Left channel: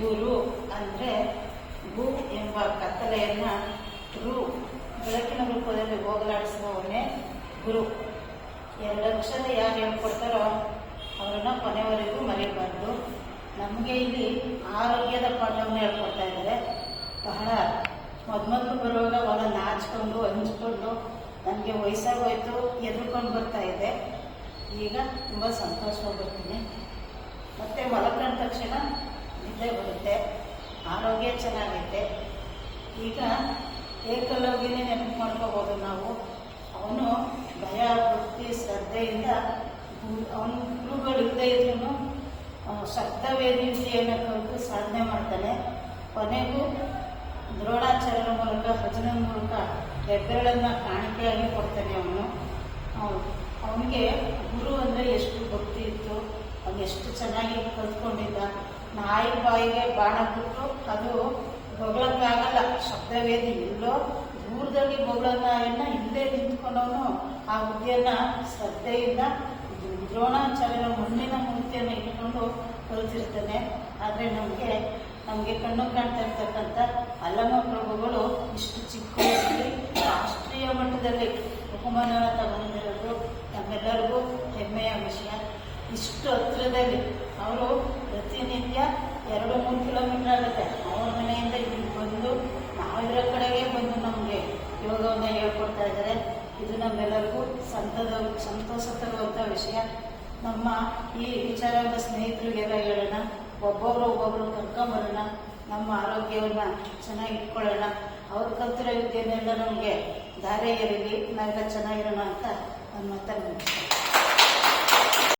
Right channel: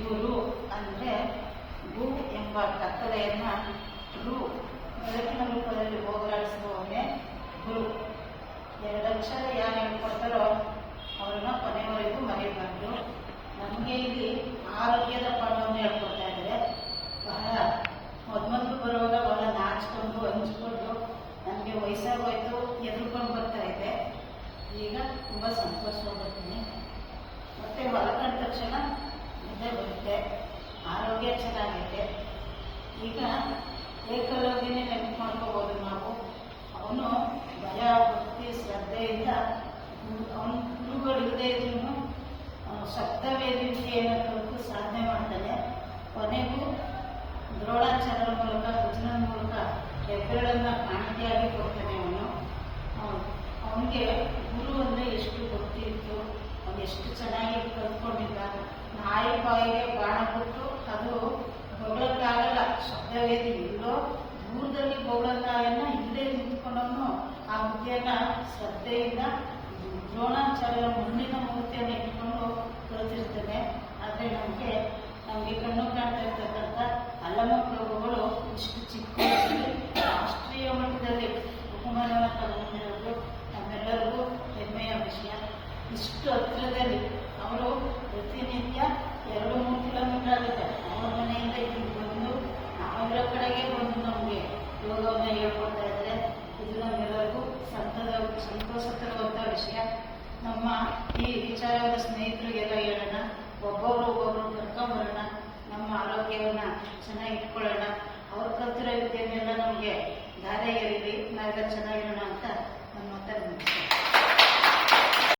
ಗುರು ಅಂದರೆ ಗು ಎಂಬ ಕತ್ತಲೆಯನ್ನು ರು ಬೆಳಕಿನ ರೂಪದಲ್ಲಿ ಹೋಗಲಾಡಿಸುವವನೇ ಗುರು ಎರಡಕ್ಷರ ಯಾರು ಹೇಳ್ಕೊಡ್ತಾರೋ ಅವರನ್ನು ಕೊನೆಯವರೆಗೂ ಮರೆಯಬಾರ್ದು. ನಮಗೆ ಇಲ್ಲಿ ಆರೋಗ್ಯದ ಪಾಠವನ್ನು ಹೇಳ್ಕೊಡ್ತಾ ಇದ್ದಾರೆ. ಬಹಳ ಮೊದಲು ಬರುವಾಗ ಅವನ ನಾಚಿಕೊಂಡು, ಹಂಚ್ಕೊಂಡು, ನನಗೆ ವಯಸ್ಸಾಗೋಯ್ತು ಎದುರ್ಕೊಂಡು ಬರ್ತಾ ಇದ್ದೆ. ಈಗ ತುಂಬ ಸಂತೋಷವಾಗಿ ಬರ್ತೀನಿ. ಮತ್ತೆ ಮಲಕೊಂಡ ತಕ್ಷಣ ನಿದ್ದೆ ಬರುತ್ತೆ, ಆರೋಗ್ಯ ಚೆನ್ನಾಗೈತೆ. ಈಗ ಏಕಲವ್ಯನೇ ನೆನಪು ಮಾಡ್ಕೋಬೋದು ನಾವು. ಅವನು ಭಯ ಭಕ್ತಿ, ಶ್ರದ್ಧೆಯಿಂದ ಅವನ ಗುರುಗಳು ಇಲ್ಲದೇ ಇದ್ರೂ ಸಪ್ತವೇದಿ ವಿದ್ಯೆಯನ್ನು ಕಲಿತು ಸಾಧನೆ ಮಾಡ್ತಾನೆ. ಕೊನೆಗೂ ದ್ರೋಣಾಚಾರ್ಯರ ಮೂಲಕ, ಭಜನೆ ಮೂಲಕ ಹೆಬ್ಬೆರಳನ್ನು ಕಾಣಿಕೆಯಾಗಿ ಕೊಡ್ತಾನೆ ಅವನು ಅವನಿಗೆ ಗುರು ಅಂದರೆ ಎಷ್ಟು ಭಕ್ತಿ ಇತ್ತು ಅವನು ಎಷ್ಟು ಚೆನ್ನಾಗಿ ಕಲ್ತ್ಕೊಂಡಿದ್ದ ನಾಯಿ ಬಾಯಿಗೆ ಬಾಣ ಬಿಟ್ಟು ಅದು ಬೊಗಳಕ್ಕಾಗಲ್ಲ ಶಬ್ದವೇದಿ ಎಲ್ಲೋ ದೂರದಲ್ಲಿ ಬೊಗಳನ್ನ ಹಿಂದೆ ನಿಂತ್ಕೊಂಡವನು ಆ ಮುದ್ದೆಯನ್ನ ಶ್ರದ್ಧೆಯಿಂದ ದ್ರೋಣಾಚಾರ್ಯರ ಮಣ್ಣಿನ ಮೂರ್ತಿಯನ್ನು ಇಟ್ಕೊಂಡು ಕಲಿತಿರ್ತಾನೆ ಆದರೆ ನಮಗೆ ನಮಗೆ ಕಣ್ಣು ಕಾಣ್ತಾ ಇರ್ತಕ್ಕಂಥ ಅಲ್ಲಮ ಪ್ರಭುಗಳು ಇಷ್ಟು ಚಿಕ್ಕ ರಾಷ್ಟ್ರೀಯ ಮಟ್ಟದಲ್ಲಿ ಬಹುಮಾನವನ್ನು ತಗೊಂಡಿರೋದು ನಮ್ಮೆಲ್ಲರಿಗೂ ಹೆಮ್ಮೆಯ ವಿಷಯ. ಇಷ್ಟು ಹತ್ತಿರದಲ್ಲಿ. ಅವರು ಪ್ರತಿನಿತ್ಯ ಎರಡು, ಮೂರು ಕಿಲೋಮೀಟರ್ ಆಗುತ್ತೆ. ಅವ್ರ ಮನೆಯಿಂದ ಇಲ್ಲಿ ಬಂದು ನಾವಿರೋ ಕಡೆಗೆ ಬಂದು ನಮಗೆ ಯೋಗವನ್ನು ಹೇಳ್ಕೊಡ್ತಾ ಇದ್ದಾರೆ. ಇದು ನಮ್ಮೆಲ್ಲರಿಗೂ ಸಂತದ, ಸಂತೋಷ ತರುವಂಥ ವಿಷಯ. ನಮ್ಮ ಈ ವಿಚಾರವಾದ ಸ್ನೇಹಿತರಿಗೆಲ್ಲ ಹೇಳೋಣ. ಒಬ್ಬೊಬ್ರು ಒಬ್ಬೊಬ್ರು ಕರ್ಕೊಂಬರೋಣ. ನಮ್ಮ ಆರೋಗ್ಯವನ್ನು ಚೆನ್ನಾಗಿ ಇಟ್ಕೊಳ್ಳೋಣ. ಅವ್ರ ಕಲ್ತಿರೋ ವಿದ್ಯೆನೆಲ್ಲ ನಮಗೆ ದಾರೆ ಇರಲಿ ನಾವೆಲ್ಲ ಚೆನ್ನಾಗಿರೋಣ ಅಂತ ನನ್ನ ಮುಗಿಸ್ತೇನೆ.